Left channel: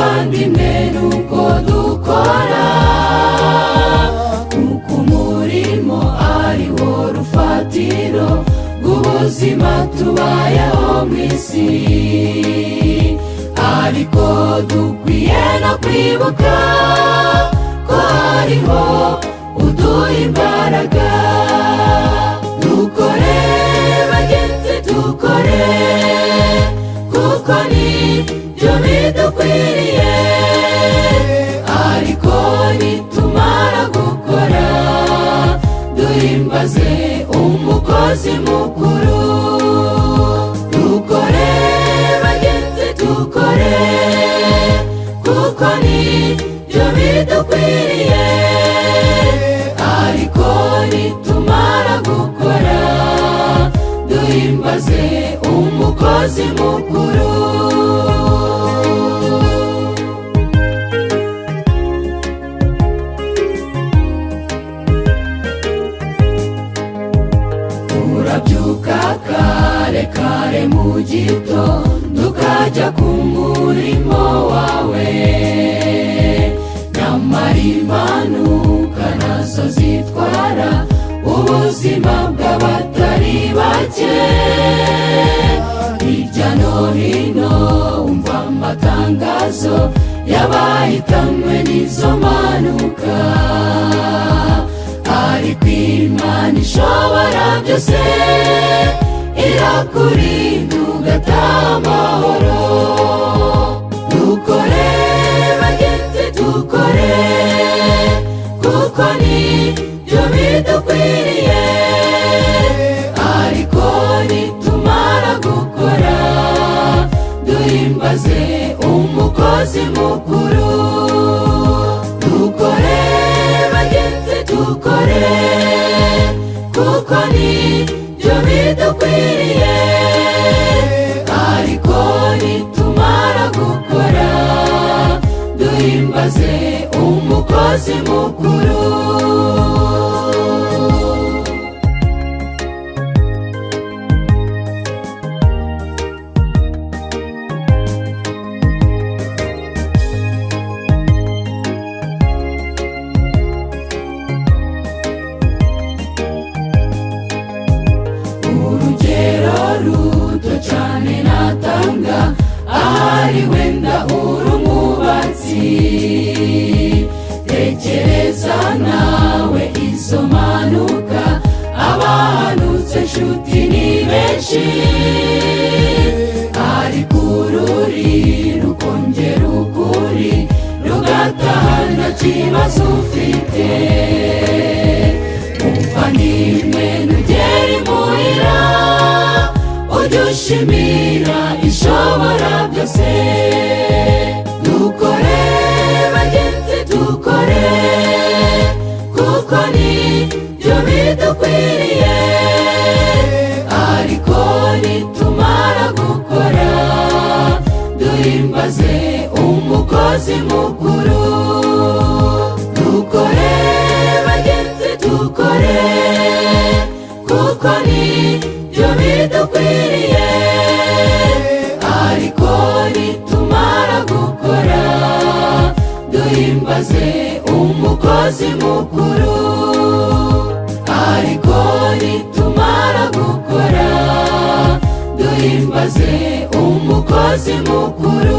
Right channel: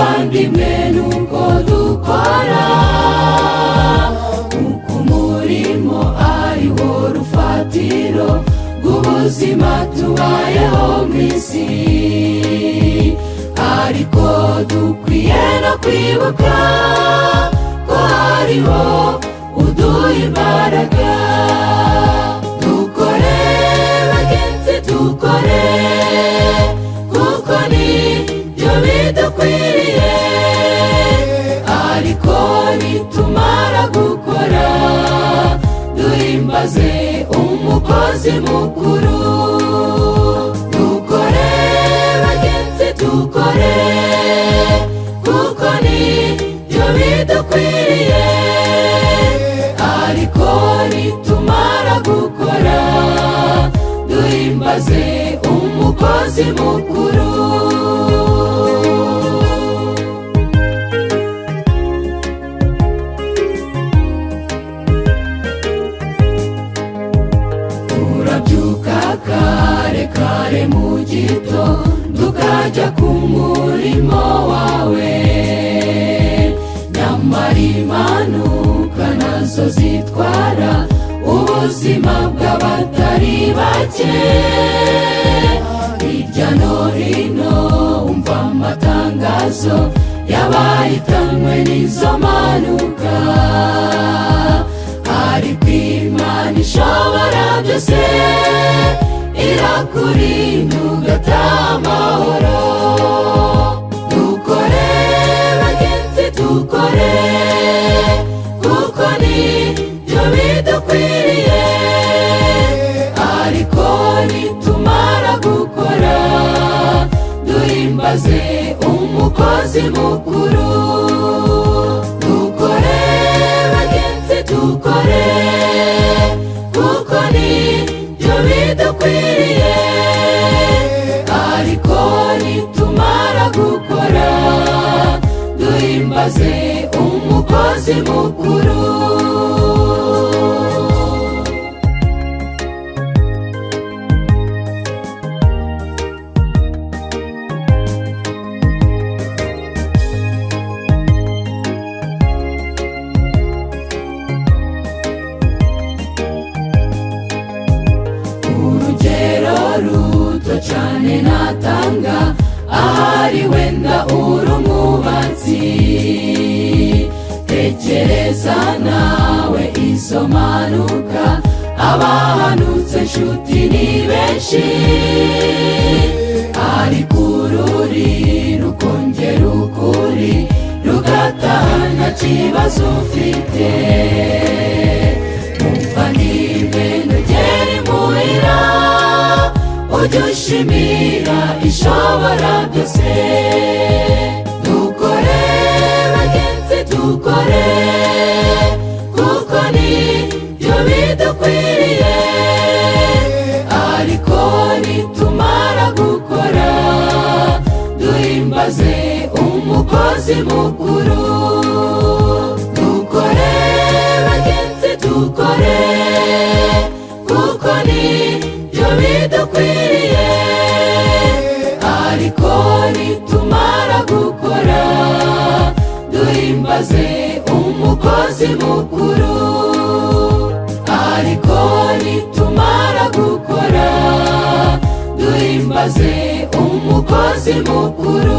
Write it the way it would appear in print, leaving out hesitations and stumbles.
bavandimwe nuko dukora, kuko umurimo ari wo rufatiro rw'ubuzima tubayeho mu isi. Ariko dukwiye no kwibuka ko hariho uduha imbaraga. Dukore bagenzi, dukore, kuko nibyo bidukwiriye. Ariko nitumara gukora, duhimbaze umukozi mukuru. Dukore bagenzi, dukore, kuko nibyo bidukwiriye. Ariko nitumara gukora, duhimbaze umukozi mukuru. Urabyuka kare kare mu gitondo ukajya ku murimo wawe, nyamara impanuka nazo zitwara ubuzima bw'abatari bake. Hirya no hino umva amatangazo y'abahitanwe n'izo mpanuka. Ariko Imana ishobora byose irakurinda ugataha amahoro. Dukore bagenzi, dukore, kuko nibyo bidukwiriye. Ariko nitumara gukora, duhimbaze umukozi mukuru. Dukore bagenzi, dukore, kuko nibyo bidukwiriye. Ariko nitumara gukora, duhimbaze umukozi mukuru. Urugero ruto cyane natanga, ahari wenda uri umwubatsi. Tekereza nawe izo mpanuka, abahanutse nshuti ni benshi. Ariko ururi rukongera ukuri rugataha nta kibazo ufite. Umva nimwe nugera imuhira, ujye ushimira ishobora byose. Dukore bagenzi, dukore, kuko nibyo bidukwiriye. Ariko nitumara gukora, duhimbaze umukozi mukuru. Dukore bagenzi, dukore, kuko nibyo bidukwiriye. Ariko nitumara gukora, duhimbaze umukozi mukuru. Ariko nitumara gukora, duhimbaze umukozi mukuru.